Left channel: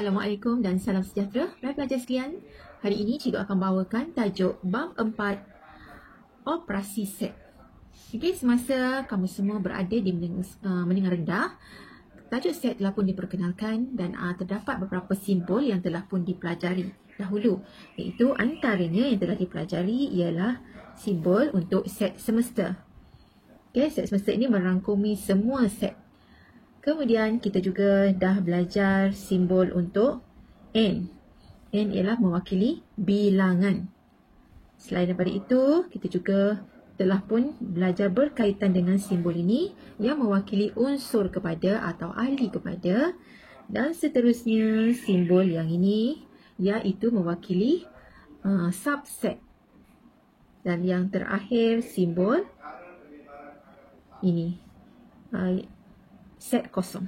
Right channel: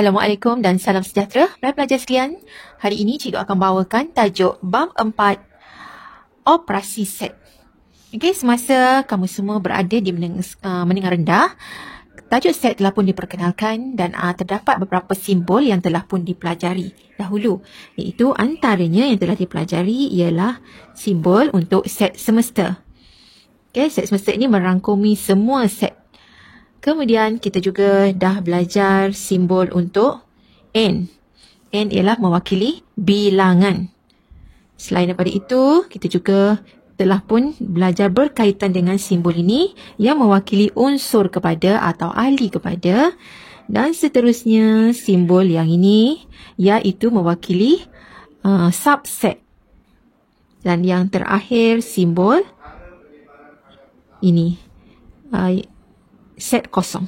Assalamualaikum dan salam sejahtera pelajar sekalian. Hari ini cikgu akan bawakan tajuk bab 4 operasi set. Okey, semasa kamu semua berada di menengah rendah, tajuk set telah pun diperkenalkan dan terdapat beberapa simbol yang telah pun dipelajari dahulu, iaitu antaranya yang telah dipelajari ialah simbol untuk set semesta. Okey, set semesta ini merangkumi semua set. Kemudian kita juga dah belajar simbol untuk N. N ialah mewakili bilangan. Selain daripada itu, kita juga telah pun belajar berkaitan dengan simbol ini yang mewakili unsur kepada atau ahli kepada. Dan seterusnya simbol yang ini iaitu mewakili subset. Dan yang terakhir simbol ini. Set kosong.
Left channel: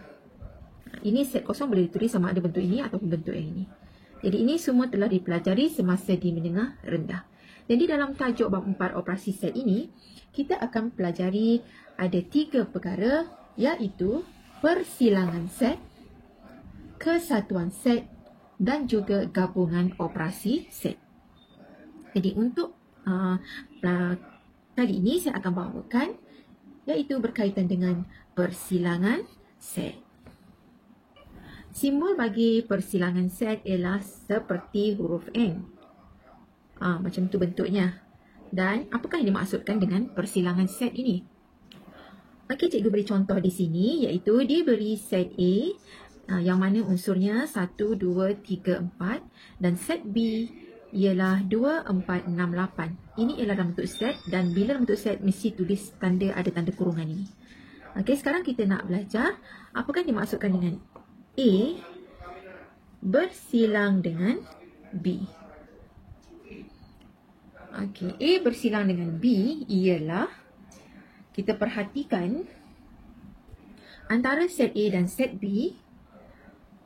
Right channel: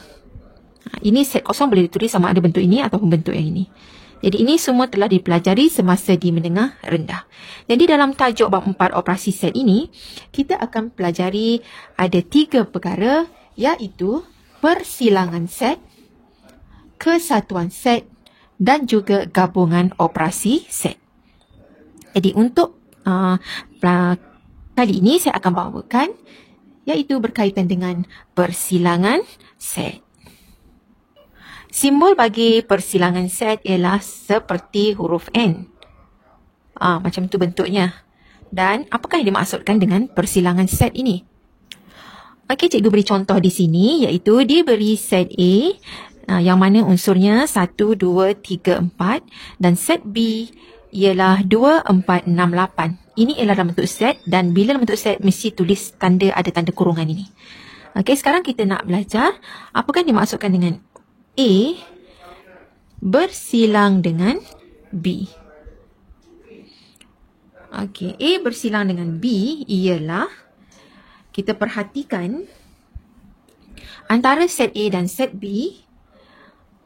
Ini set kosong boleh ditulis sama ada bentuk ini ataupun bentuk yang ini. Jadi ini semua telah dipelajari semasa di menengah rendah. Jadi dalam tajuk bab 4 operasi set ini, kita akan pelajari ada 3 perkara iaitu persilangan set, kesatuan set dan juga gabungan operasi set. Jadi untuk kali ini saya akan bawakan iaitu berkaitan dengan persilangan set. Simbol bagi persilangan set ialah seperti huruf N. Macam tu bentuknya. Dan apakah yang dimaksudkan dengan persilangan set ini? Okey, cikgu beri contoh di sini iaitu diberi set A yang mana unsurnya 1, 2, 3, 4 dan set B ialah 2, 4, 6, 8. Ini ialah dalam bentuk set dan bila dalam bentuk set mesti tulis ada tanda kurungan ini. Okey, sekarang kita nak belajar apakah yang dimaksudkan dengan A bersilang dengan B. Okey, A bersilang dengan B ialah kita perhatikan antara set A dan set B,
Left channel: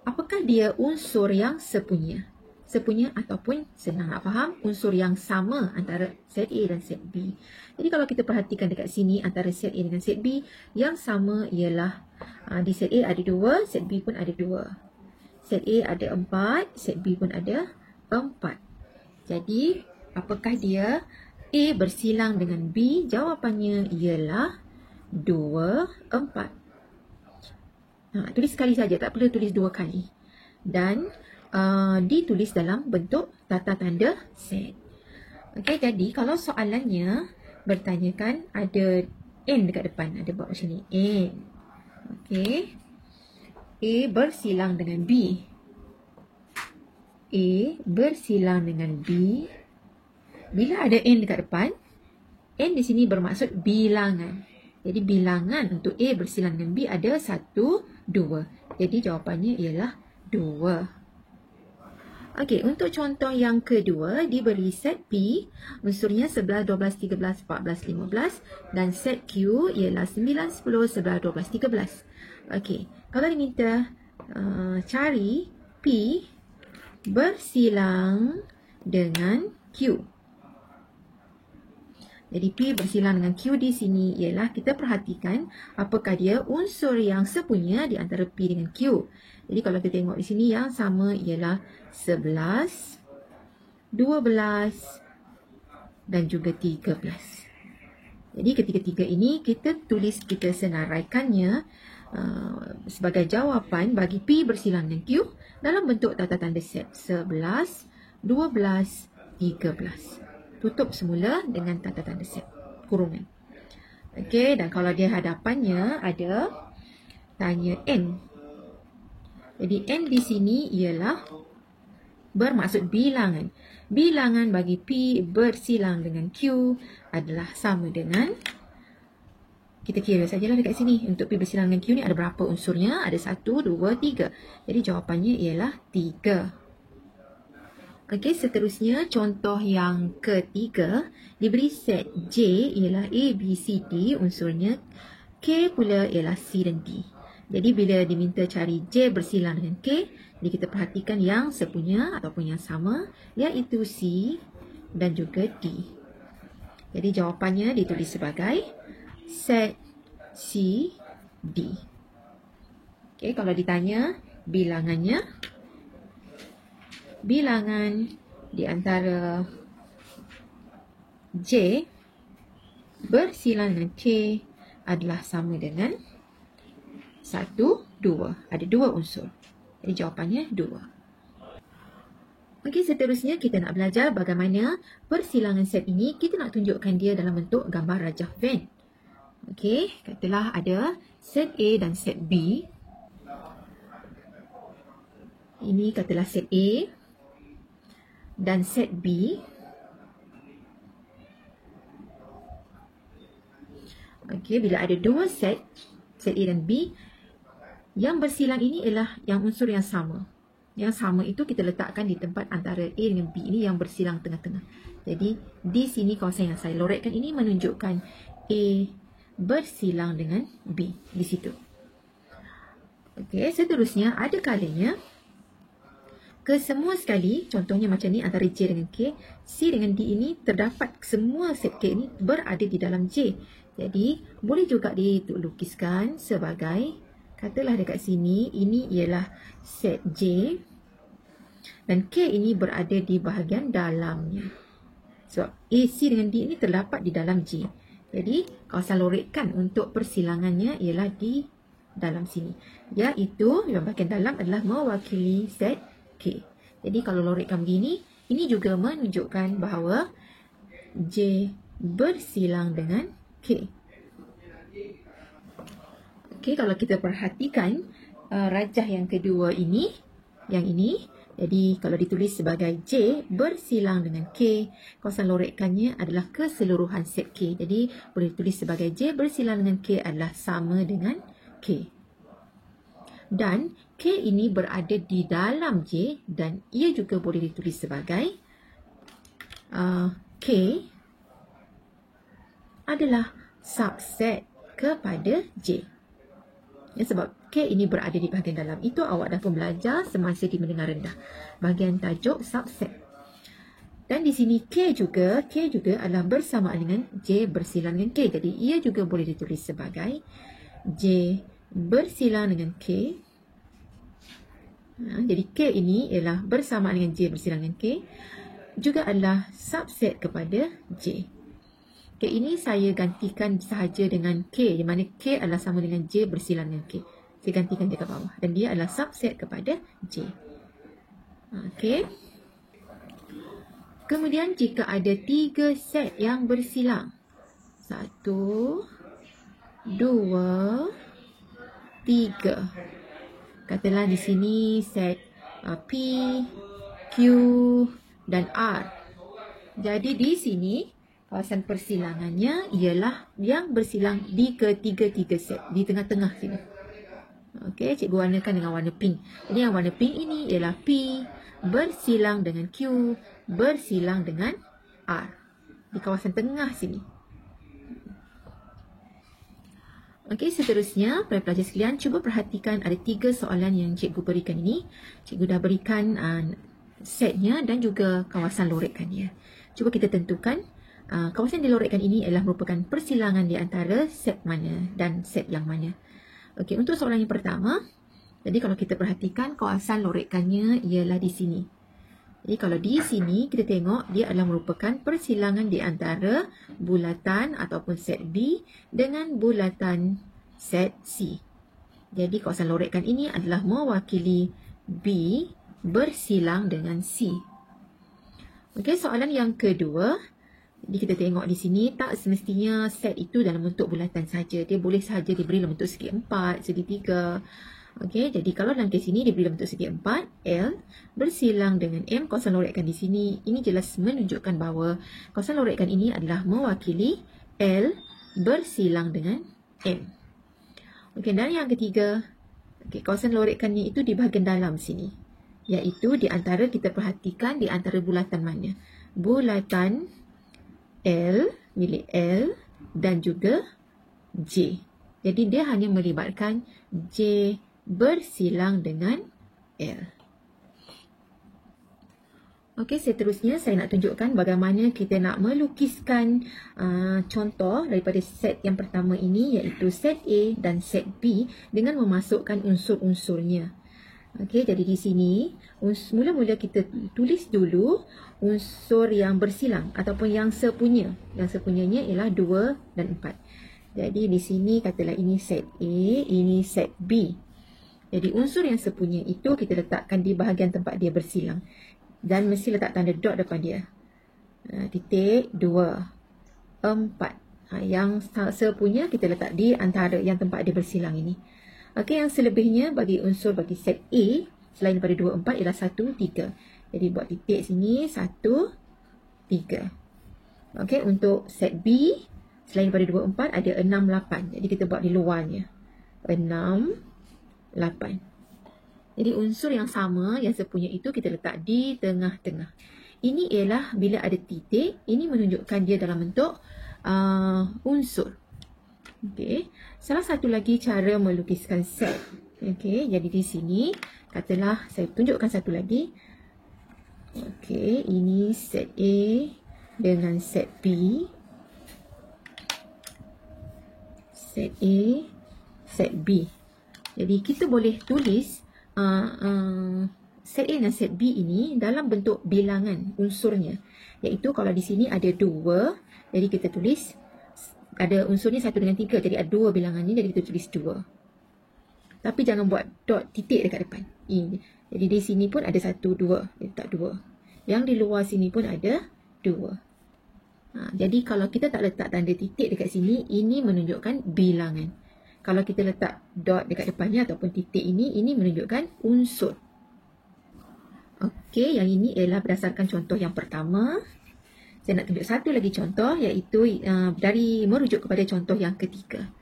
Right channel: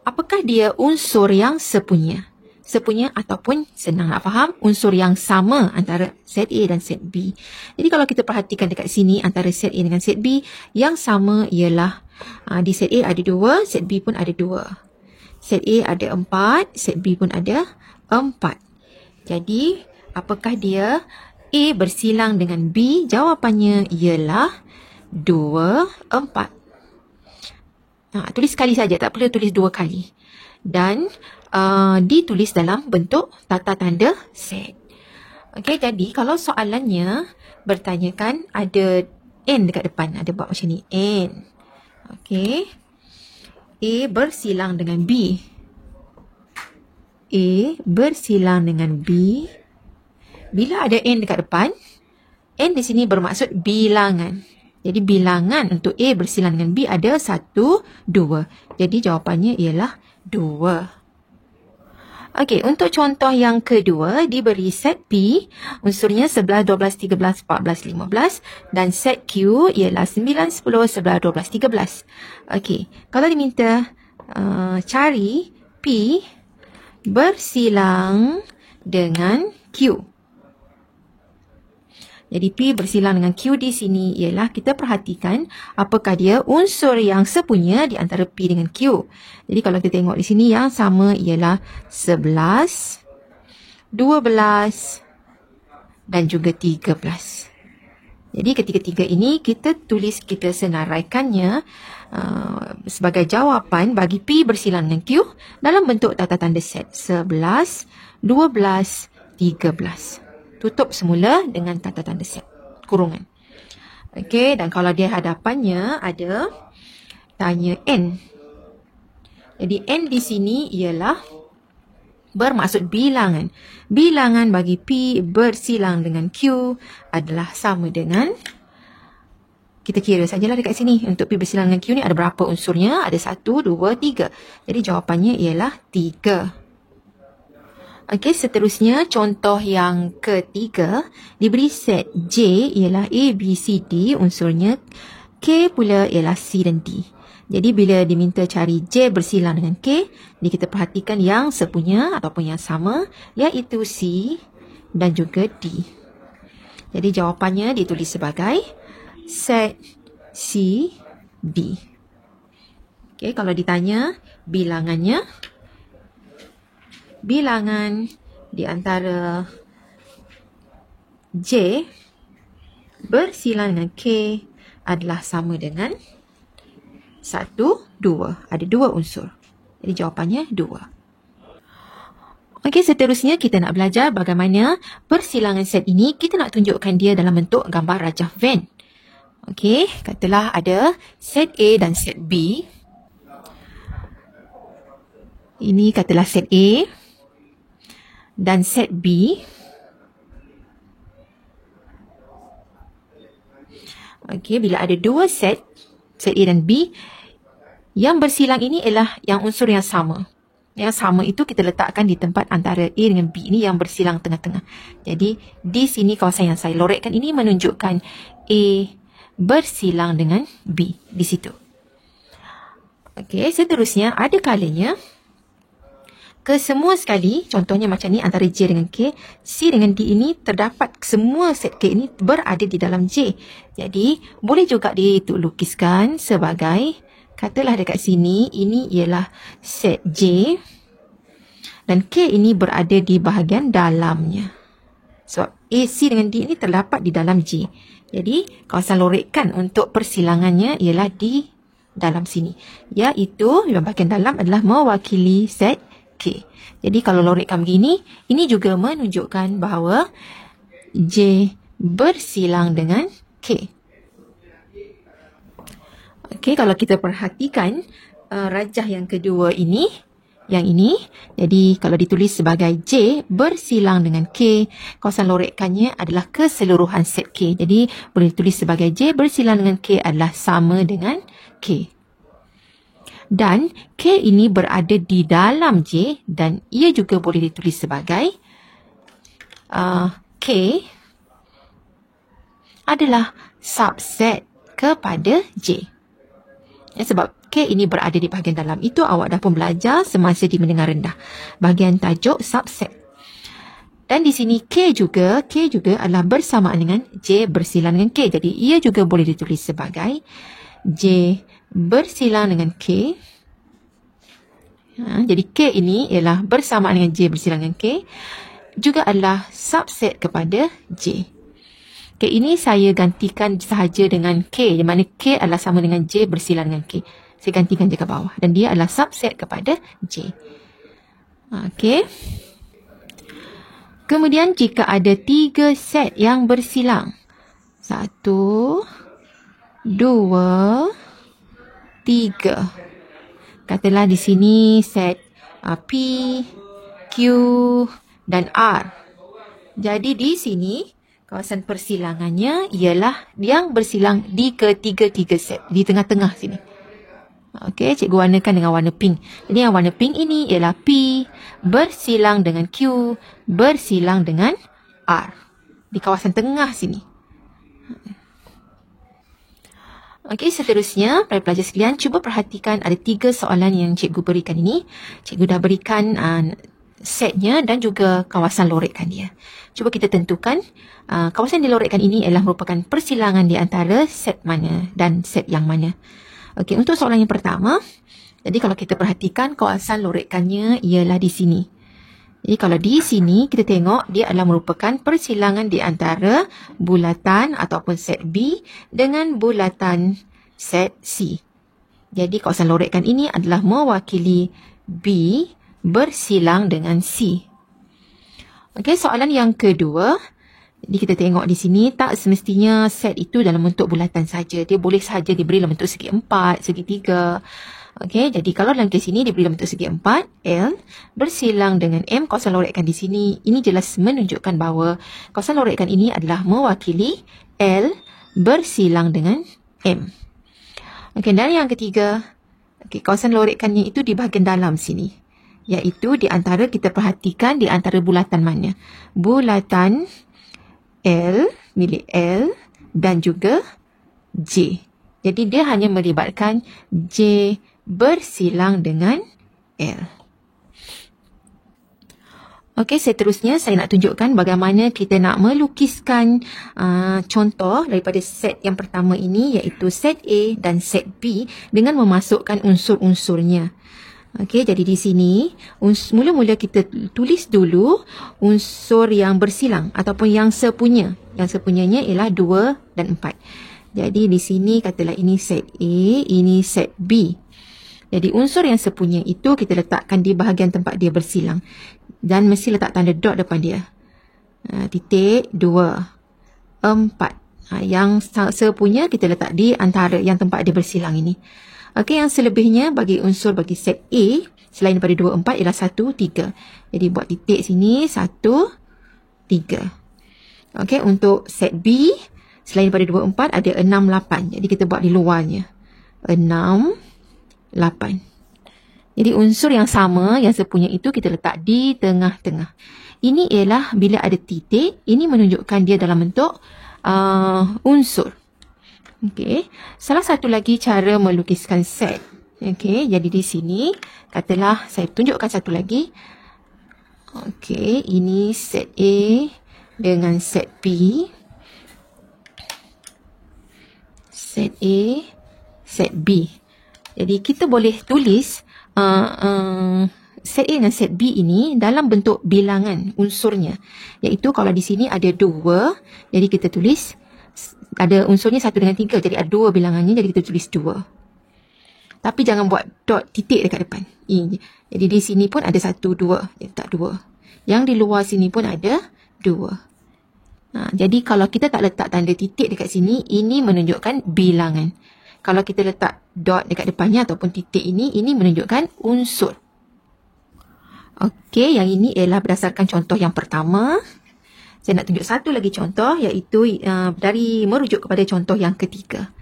apakah dia unsur yang sepunya? Sepunya ataupun senang nak faham unsur yang sama antara set A dan set B. Jadi kalau kita perhatikan dekat sini antara set A dengan set B, yang sama ialah di set A ada 2, set B pun ada 2. Set A ada 4, set B pun ada 4. Jadi apakah dia A bersilang dengan B? Jawapannya ialah 2, 4. Tulis sekali saja, tak perlu tulis 2 kali. Dan ditulis dalam bentuk tata tanda set. Okey, jadi kalau soalannya bertanyakan ada N dekat depan, ada buat macam ni, N. Okey. A bersilang dengan B. A bersilang dengan B. Bila ada N dekat depan, N di sini bermaksud bilangan. Jadi bilangan untuk A bersilang dengan B ada 1, 2. Jadi jawapannya ialah 2. Okey, untuk contoh yang kedua, diberi set P, unsurnya 11, 12, 13, 14, 15 dan set Q ialah 9, 10, 11, 12, 13. Okey, kalau diminta cari P bersilang dengan Q. Jadi P bersilang dengan Q di sini ialah kita perhatikan apakah dia unsur yang sepunya di antara P dengan Q. Jadi kalau kita tengok di sini yang sama ialah 11, 12 dan juga 13. Jadi ketiga-tiga ini kita tulis, kita senaraikannya sebagai jawapan bagi P bersilang dengan Q dalam bentuk tata tanda set 11, 12, 13. Tutup semula dengan tata tanda set kurungan. Okey, dan kalau dia hadapannya ada tanya N. Jadi N di sini ialah bermaksud bilangan. Bilangan bagi P bersilang dengan Q adalah sama dengan, kita kira sajalah dekat sini. Untuk P bersilang dengan Q ni ada berapa unsurnya? Ada 1, 2, 3. Jadi jawapannya ialah 3. Okey, seterusnya contoh yang ketiga, diberi set J ialah A, B, C, D, unsurnya K pula ialah C dan D. Jadi bila diminta cari J bersilang dengan K, jadi kita perhatikan yang sepunya ataupun yang sama iaitu C dan juga D. Jadi jawapannya ditulis sebagai set C, D. Okey, kalau ditanya bilangannya bilangan di antara J bersilang dengan K adalah sama dengan 1, 2. Ada 2 unsur. Jadi jawapannya 2. Okey, seterusnya kita nak belajar bagaimana persilangan set ini kita nak tunjukkan dia dalam bentuk gambar rajah Venn. Okey, katalah ada set A dan set B. Ini katalah set A dan set B. Okey, bila ada 2 set A dan B, yang bersilang ini ialah yang unsur yang sama. Yang sama itu kita letakkan di tempat antara A dengan B. Ini yang bersilang tengah-tengah. Jadi, di sini kawasan yang saya lorekkan ini menunjukkan A bersilang dengan B. Di situ. Okey, seterusnya ada kalanya kesemua sekali, contohnya macam ni antara J dengan K, C dengan D ini terdapat semua set K ini berada di dalam J. Jadi, boleh juga dilukiskan sebagai, katalah dekat sini, ini ialah set J dan K ini berada di bahagian dalamnya. Sebab A, C dengan D ini terdapat di dalam J. Jadi, kawasan lorekkan untuk persilangannya ialah di dalam sini. Iaitu, yang bahagian dalam adalah mewakili set K. Jadi, kalau lorekkan begini, ini juga menunjukkan bahawa J bersilang dengan K. Okey, kalau kita perhatikan rajah yang kedua ini, yang ini, jadi kalau ditulis sebagai J bersilang dengan K, kawasan lorekkannya adalah keseluruhan set K. Jadi boleh ditulis sebagai J bersilang dengan K adalah sama dengan K. Dan K ini berada di dalam J dan ia juga boleh ditulis sebagai K adalah subset kepada J. Sebab K ini berada di bahagian dalam. Itu awak dah pun belajar semasa di menengah rendah. Bahagian tajuk subset. Dan di sini K juga adalah bersamaan dengan J bersilang dengan K. Jadi ia juga boleh ditulis sebagai J bersilang dengan K. Jadi K ini ialah bersamaan dengan J bersilang dengan K. Juga adalah subset kepada J. K ini saya gantikan sahaja dengan K. Di mana K adalah sama dengan J bersilang dengan K. Saya gantikan je ke bawah. Dan dia adalah subset kepada J. Okey. Kemudian jika ada 3 set yang bersilang. 1, 2, 3. Katalah di sini set P, Q dan R. Jadi di sini kawasan persilangannya ialah yang bersilang di ketiga-tiga set. Di tengah-tengah sini. Okey, cikgu warnakan dengan warna pink. Jadi yang warna pink ini ialah P bersilang dengan Q bersilang dengan R. Di kawasan tengah sini. Okey, seterusnya pelajar sekalian cuba perhatikan ada 3 soalan yang cikgu berikan ini. Cikgu dah berikan setnya dan juga kawasan lorekkan dia. Cuba kita tentukan kawasan yang dilorekkan ini adalah merupakan persilangan di antara set mana dan set yang mana. Okey, untuk soalan yang pertama, jadi kalau kita perhatikan kawasan lorekkannya ialah di sini. Jadi kalau di sini kita tengok dia adalah merupakan persilangan di antara bulatan ataupun set B dengan bulatan set C. Jadi kawasan lorekkan ini adalah mewakili B bersilang dengan C. Okey, soalan yang kedua. Jadi kita tengok di sini tak semestinya set itu dalam bentuk bulatan saja. Dia boleh sahaja diberi dalam bentuk segi 4, segi 3. Okey, jadi kalau dalam kes ini diberi dalam bentuk segi 4, L bersilang dengan M, kawasan lorekkan di sini. Ini jelas menunjukkan bahawa kawasan lorekkan ini adalah mewakili L bersilang dengan M. Okey, dan yang ketiga, kawasan lorekkannya itu di bahagian dalam sini. Iaitu di antara, kita perhatikan di antara bulatan mana. Bulatan L, milik L dan juga J. Jadi dia hanya melibatkan J bersilang dengan L. Okey, seterusnya saya nak tunjukkan bagaimana kita nak melukiskan contoh daripada set yang pertama ini, iaitu set A dan set B dengan memasukkan unsur-unsurnya. Okey, jadi di sini mula-mula kita tulis dulu unsur yang bersilang ataupun yang sepunya. Yang sepunyanya ialah 2 dan 4. Jadi di sini katalah ini set A, ini set B. Jadi unsur yang sepunya itu kita letakkan di bahagian tempat dia bersilang. Dan mesti letak tanda dot depan dia. Titik 2, 4. Yang sepunya kita letak di antara yang tempat dia bersilang ini. Okey, yang selebihnya bagi unsur bagi set A selain daripada 2, 4 ialah 1, 3. Jadi buat titik sini 1, 3. Okey, untuk set B selain daripada 2, 4 ada 6, 8. Jadi kita buat di luarnya. 6, 8. Jadi unsur yang sama yang sepunya itu kita letak di tengah-tengah. Ini ialah bila ada titik, ini menunjukkan dia dalam bentuk unsur. Okey, salah satu lagi cara melukiskan set. Okey, jadi di sini katalah saya tunjukkan satu lagi. Okey, ini set A dengan set B. Set A, set B. Jadi kita boleh tulis set A dan set B ini dalam bentuk bilangan unsurnya. Iaitu kalau di sini ada 2, jadi kita tulis ada unsurnya 1 dengan 3. Jadi ada 2 bilangannya, jadi kita tulis 2. Tapi jangan buat dot titik dekat depan. Jadi di sini pun ada 1, 2. Jadi tak 2. Yang di luar sini pun ada 2. Jadi kalau kita tak letak tanda titik dekat sini, ini menunjukkan bilangan. Kalau kita letak dot dekat depannya ataupun titik ini menunjukkan unsur. Okey, yang ini ialah berdasarkan contoh yang pertama. Saya nak tunjuk satu lagi contoh, iaitu dari merujuk kepada contoh yang ketiga.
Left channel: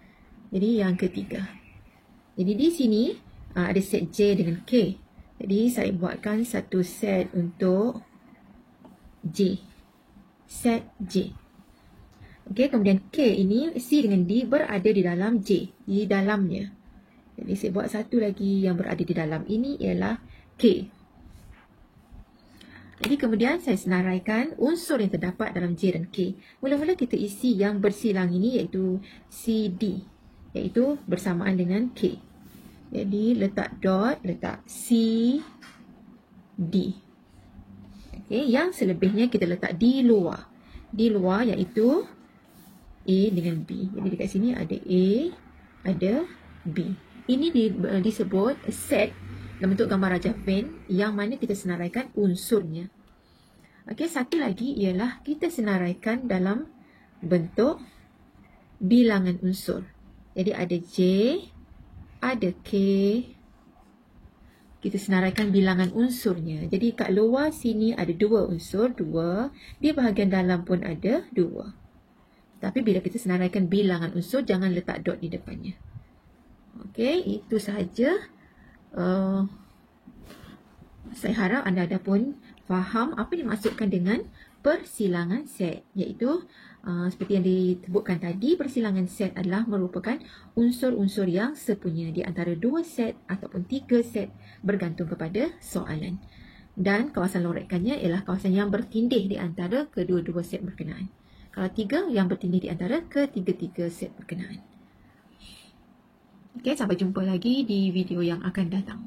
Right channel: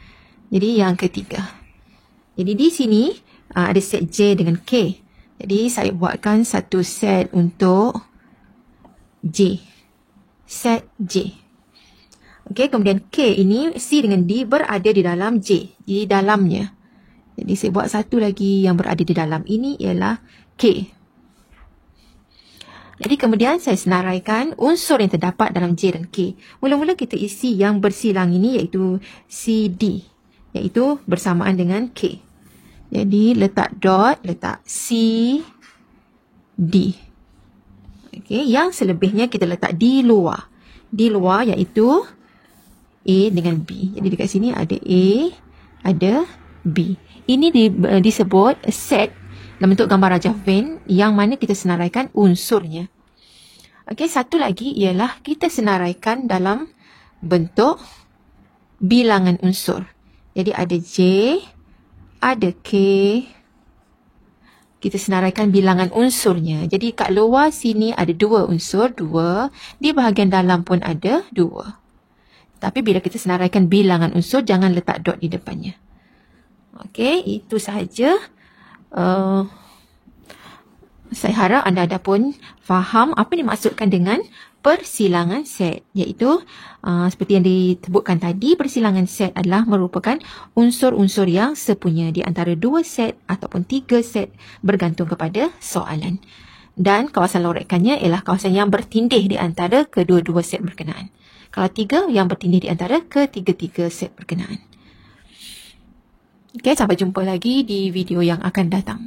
Jadi yang ketiga. Jadi di sini ada set J dengan K. Jadi saya buatkan satu set untuk J. Set J. Okey, kemudian K ini C dengan D berada di dalam J. Di dalamnya. Jadi saya buat satu lagi yang berada di dalam. Ini ialah K. Jadi kemudian saya senaraikan unsur yang terdapat dalam J dan K. Mula-mula kita isi yang bersilang ini iaitu CD. Iaitu bersamaan dengan K. Jadi letak dot, letak C, D. Okey, yang selebihnya kita letak di luar. Di luar iaitu A dengan B. Jadi dekat sini ada A, ada B. Ini disebut set dalam bentuk gambar rajah Venn yang mana kita senaraikan unsurnya. Okey, satu lagi ialah kita senaraikan dalam bentuk bilangan unsur. Jadi ada J, ada K. Kita senaraikan bilangan unsurnya. Jadi kat luar sini ada 2 unsur, 2. Di bahagian dalam pun ada 2. Tapi bila kita senaraikan bilangan unsur, jangan letak dot di depannya. Okey, itu sahaja. Saya harap anda pun faham apa yang dimaksudkan dengan persilangan set. Iaitu seperti yang disebutkan tadi, persilangan set adalah merupakan unsur-unsur yang sepunya di antara 2 set ataupun 3 set bergantung kepada soalan. Dan kawasan lorekannya ialah kawasan yang bertindih di antara kedua-dua set berkenaan. Kalau 3 yang bertindih di antara ketiga-tiga set berkenaan. Okey, sampai jumpa lagi di video yang akan datang.